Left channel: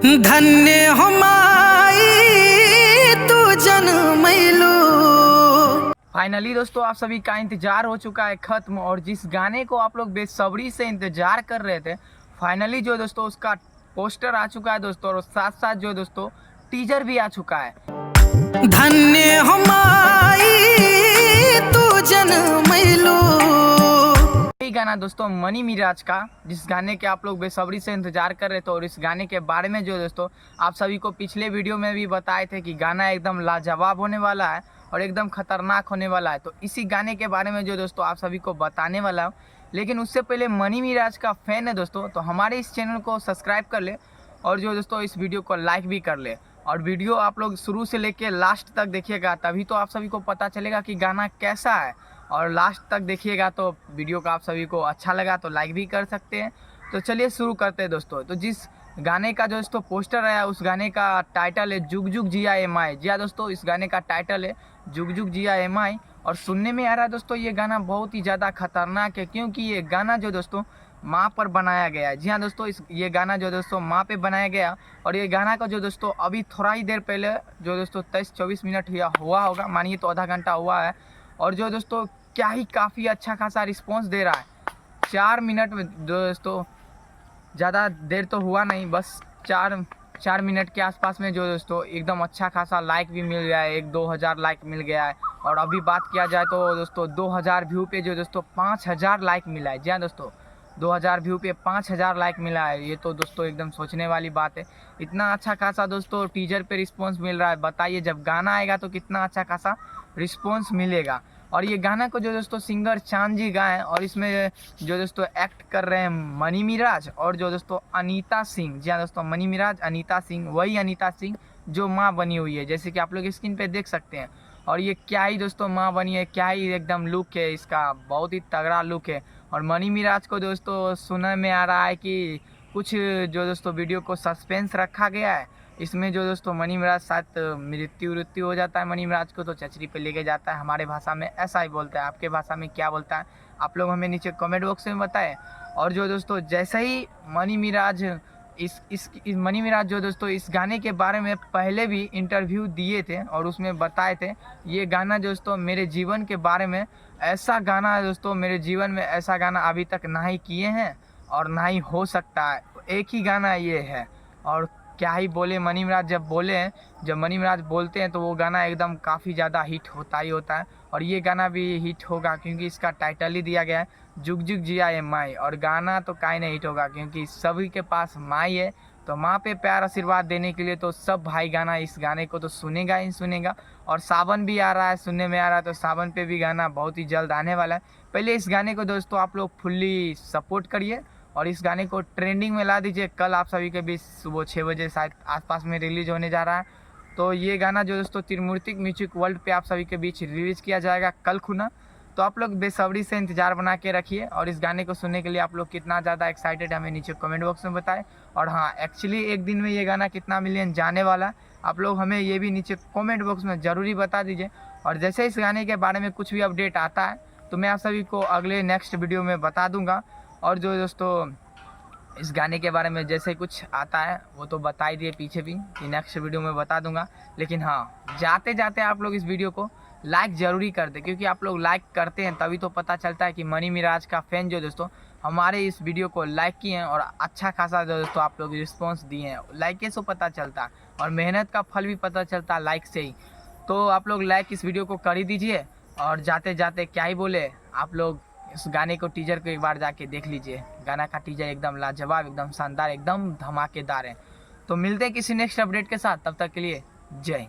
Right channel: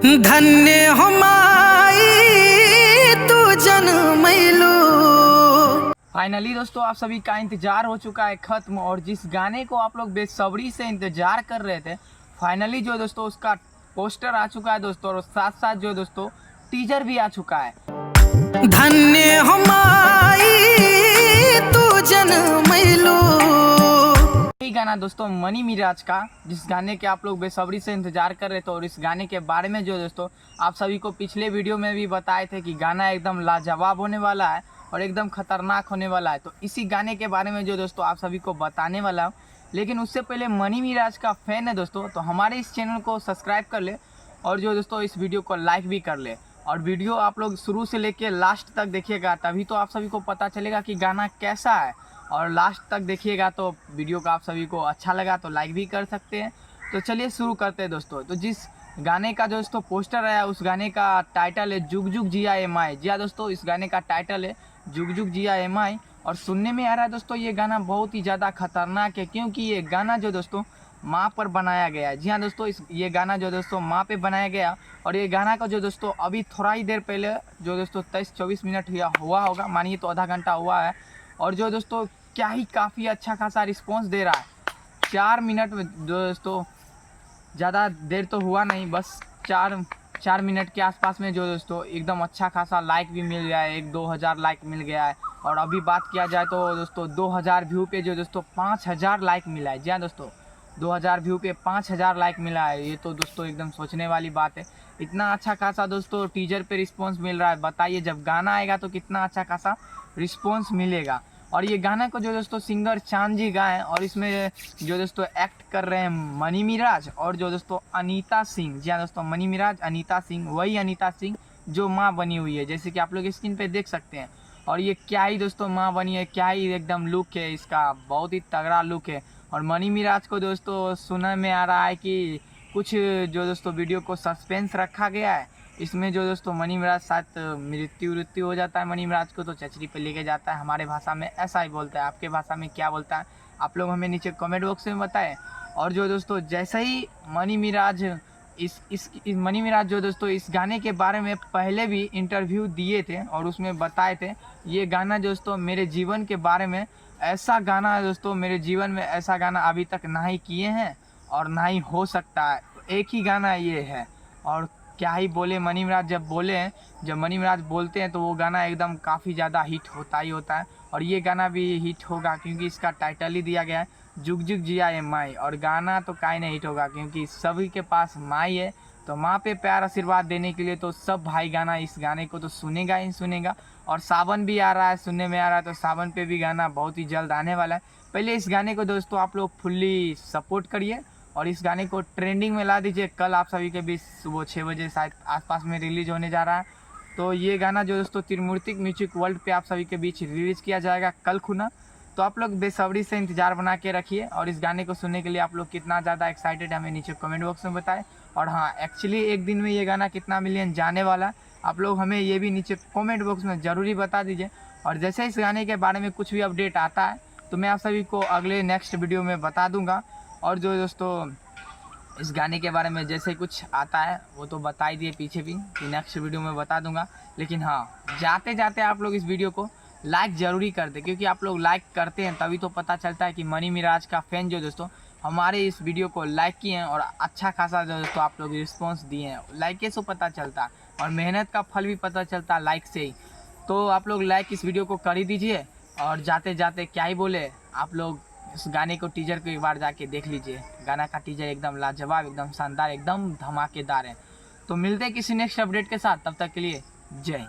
धन्य हो माई तू जन्मैलो। फाइनली दोस्तों आप सभी का इंतजार हो चुका है खत्म, और जिस गाने को आप लोग बेसब्री से इंतजार कर रहे थे फाइनली जो दोस्तों उसका पोस्टर आ चुका है दोस्तों, और साथ साथ जो दोस्तों टीजर भी आ चुका है। धन्य हो माई तू जन्मैलो। यही गाना दोस्तों मनी मिराज का, जिस गाने के आप लोग बेसब्री से इंतजार कर रहे थे, और इस गाने के बारे में जो दोस्तों आप सभी को पिछले वीडियो में भी बताए थे कि गाना एकदम लाजवाब होने वाला है और एकदम खतरनाक होने वाला है। तो इसी गाने के बारे में जो दोस्तों आप सभी को बताने वाला हूँ, लेकिन उससे पहले मनी मिराज का फैन है दोस्तों तो हमारे इस चैनल को सब्सक्राइब कर ले, और जो दोस्तों इस वीडियो को लाइक भी कर ले, और वीडियो आप लोग शुरू से लेके लास्ट तक देखिएगा, तभी तो आप सभी को पता चलेगा कि गाना कैसा है। और लास्ट तक देखिएगा तो वीडियो का आप सभी को अच्छा लगा तो लाइक भी कर सकते हैं। तो चलिए शुरू करते हैं दोस्तों। तो जिस गाने का जो दोस्तों पोस्टर आया उस गाने का टाइटल है जुग जुग जिया एम आई। जी हाँ दोस्तों, इस गाने का टाइटल है जुग जुग जिया एम आई, और सुनने में आ रहा है दोस्तों ये गाना बहुत ही ज़्यादा खतरनाक है, क्योंकि ये गाना जो दोस्तों माँ पर बनाया गया है। जी हाँ दोस्तों, ये गाना जो दोस्तों माँ पे बनाया गया, और ये गाना का जो दोस्तों अभी थोड़ा ही देर पहले जो दोस्तों 23-24 मिनट हुआ होगा, मानिए तो आधा घंटा हुआ है, और जो दोस्तों क्या ही काफ़ी अच्छा खासा रिस्पॉन्स दे रहा है। 4 मिनट में दोस्तों, ज़्यादा देर तो हुआ नहीं, बस 4 मिनट के आसपास में जो दोस्तों एकदम अच्छा खासा लाइक भी मिल गया है, 1-2 हज़ार लाइक मिल गया है। और अभी बात किया जाए तो दोस्तों 2000 व्यू पे जो दोस्तों 5000 लाइक मिला है। जी हाँ दोस्तों, 2000 व्यू पे 5000 लाइक मिला है, ये तो दोस्तों एकदम सोचने वाली बात है। इतना अच्छा खासा दोस्तों टीजर पे रिस्पॉन्स मिल रहा है, बताइए जब गाना आएगा तो कितना अच्छा खासा रिस्पॉन्स मिलेगा। और ये गाना को जो दोस्तों सिंगर चांद जी गाए, और इसमें जो दोस्तों एक्ट कर रहे हैं मनी मिराज और जो दोस्तों अनीता सिंह। जी हाँ दोस्तों, मनी मिराज, अनीता सिंह, वही अनीता सिंह जो माँ बनी हुई है, जैसे कि आप लोग स्क्रीन पे देख सकते हैं। और ये क्या ही दोस्तों माँ बनी है, क्या ही एकदम लुक है इसका, बहुत ही तगड़ा लुक है। और मनी मिराज को दोस्तों सुनने में आ रहा है कि कुछ जो दोस्तों वीडियो को सस्पेंस रखा गया है, इसमें जो दोस्तों मनी मिराज साथ मृत्यु हो जाता है मनी मिराज को, तो चचरी पे लेके जाता है। हमारे भाषा में ऐसा ही बोलता है, आपके भाषा में क्या बोलता है आप लोग हमें नीचे कमेंट बॉक्स में बताएं। और जो दोस्तों जैसे ही मनी मिराज इस मनी मिराज जो दोस्तों इस गाने के बारे में पहले भी इंटरव्यू दिए थे, और उसमें बताए थे ये गाना दोस्तों मेरे जीवन के बारे में, ऐसा गाना है दोस्तों, मेरे जीवन में ऐसा गाना अभी तक ना ही किए हैं और ना ही हो सकता है, एक ही गाना ये है। और क्या ही बोले मनी मिराज, जब बोले हैं, जब मनी मिराज बोलते हैं तो वो गाना एकदम काफ़ी ज़्यादा हिट होता ही होता है, और ये गाना भी हिट होगा क्योंकि इसका टाइटल ही दिया गया है जुग जुग जिया ए माई। और गाना तो काहे नहीं हिट होगा, क्योंकि सभी के पास माई है, तो माँ पे प्यार आशीर्वाद देने के लिए तो सब भाई गाना इस गाने को तो सुनेगा ही सुनेगा। और सावन भी आ रहा है, सुनने में आ रहा है, तो सावन पे भी गाना बहुत ही जल्द आने वाला है। पहले इस गाने को दोस्तों आप लोग फुल्ली सपोर्ट करिए और इस गाने को ट्रेंडिंग में ला दीजिए। कल आप सभी के बीच सुबह 6 बजे शायद आसपास में रिलीज होने जा रहा है, तो ये गाना जो दोस्तों त्रिमूर्ति म्यूजिक वर्ल्ड पे आप सभी के बीच रिलीज़ किया जाएगा कल खुना। तो आप लोग बेसब्री से इंतजार बना के रखिए, और इस गाने को सुनने के लिए आप लोग कितना ज़्यादा एक्साइटेड हमें नीचे कमेंट बॉक्स में बताएं। और हाँ, एक्चुअली एक दिन में ये गाना कितना मिलियन जाने वाला आप लोग हमें ये भी नीचे कमेंट बॉक्स में ज़रूरी बता दीजिए। और जैसे इस गाने के बारे में कुछ भी अपडेट आता है तो मैं आप सभी को अगले नेक्स्ट वीडियो में बता दूँगा। और जो दोस्तों इस गाने के बारे में जैसे कुछ आता है वो तो बता ही दिए पीछे भी कि नेक्स्ट वीडियो में बता दूंगा। लेकिन हाँ, जाते जाते आप लोग इस वीडियो को लाइक ज़रूरी कर दें, क्योंकि आप लोग लाइक करते हैं तभी तो पता चलता है कि मनी मिराज का फ़ैन जो दोस्तों हमारे इस वीडियो को लाइक किए हैं, और अच्छा खासा जो दोस्तों आप लोग रिस्पॉन्स दिए हैं। लाइक से पता चलता है, और मेहनत का फल भी पता चलता है लाइक से ही। तो आप लोग लाइक इस वीडियो को कर ही दीजिए। और जाते जाते क्या ही बोले, आप लोग इस गाने को टीजर को एक बार जाके देख लीजिए। गाना का टीजर एकदम लाजवाब, एकदम शानदार, एकदम धमाकेदार है। तो मिलते हैं किसी नेक्स्ट अपडेट के साथ, तब तक के लिए जय।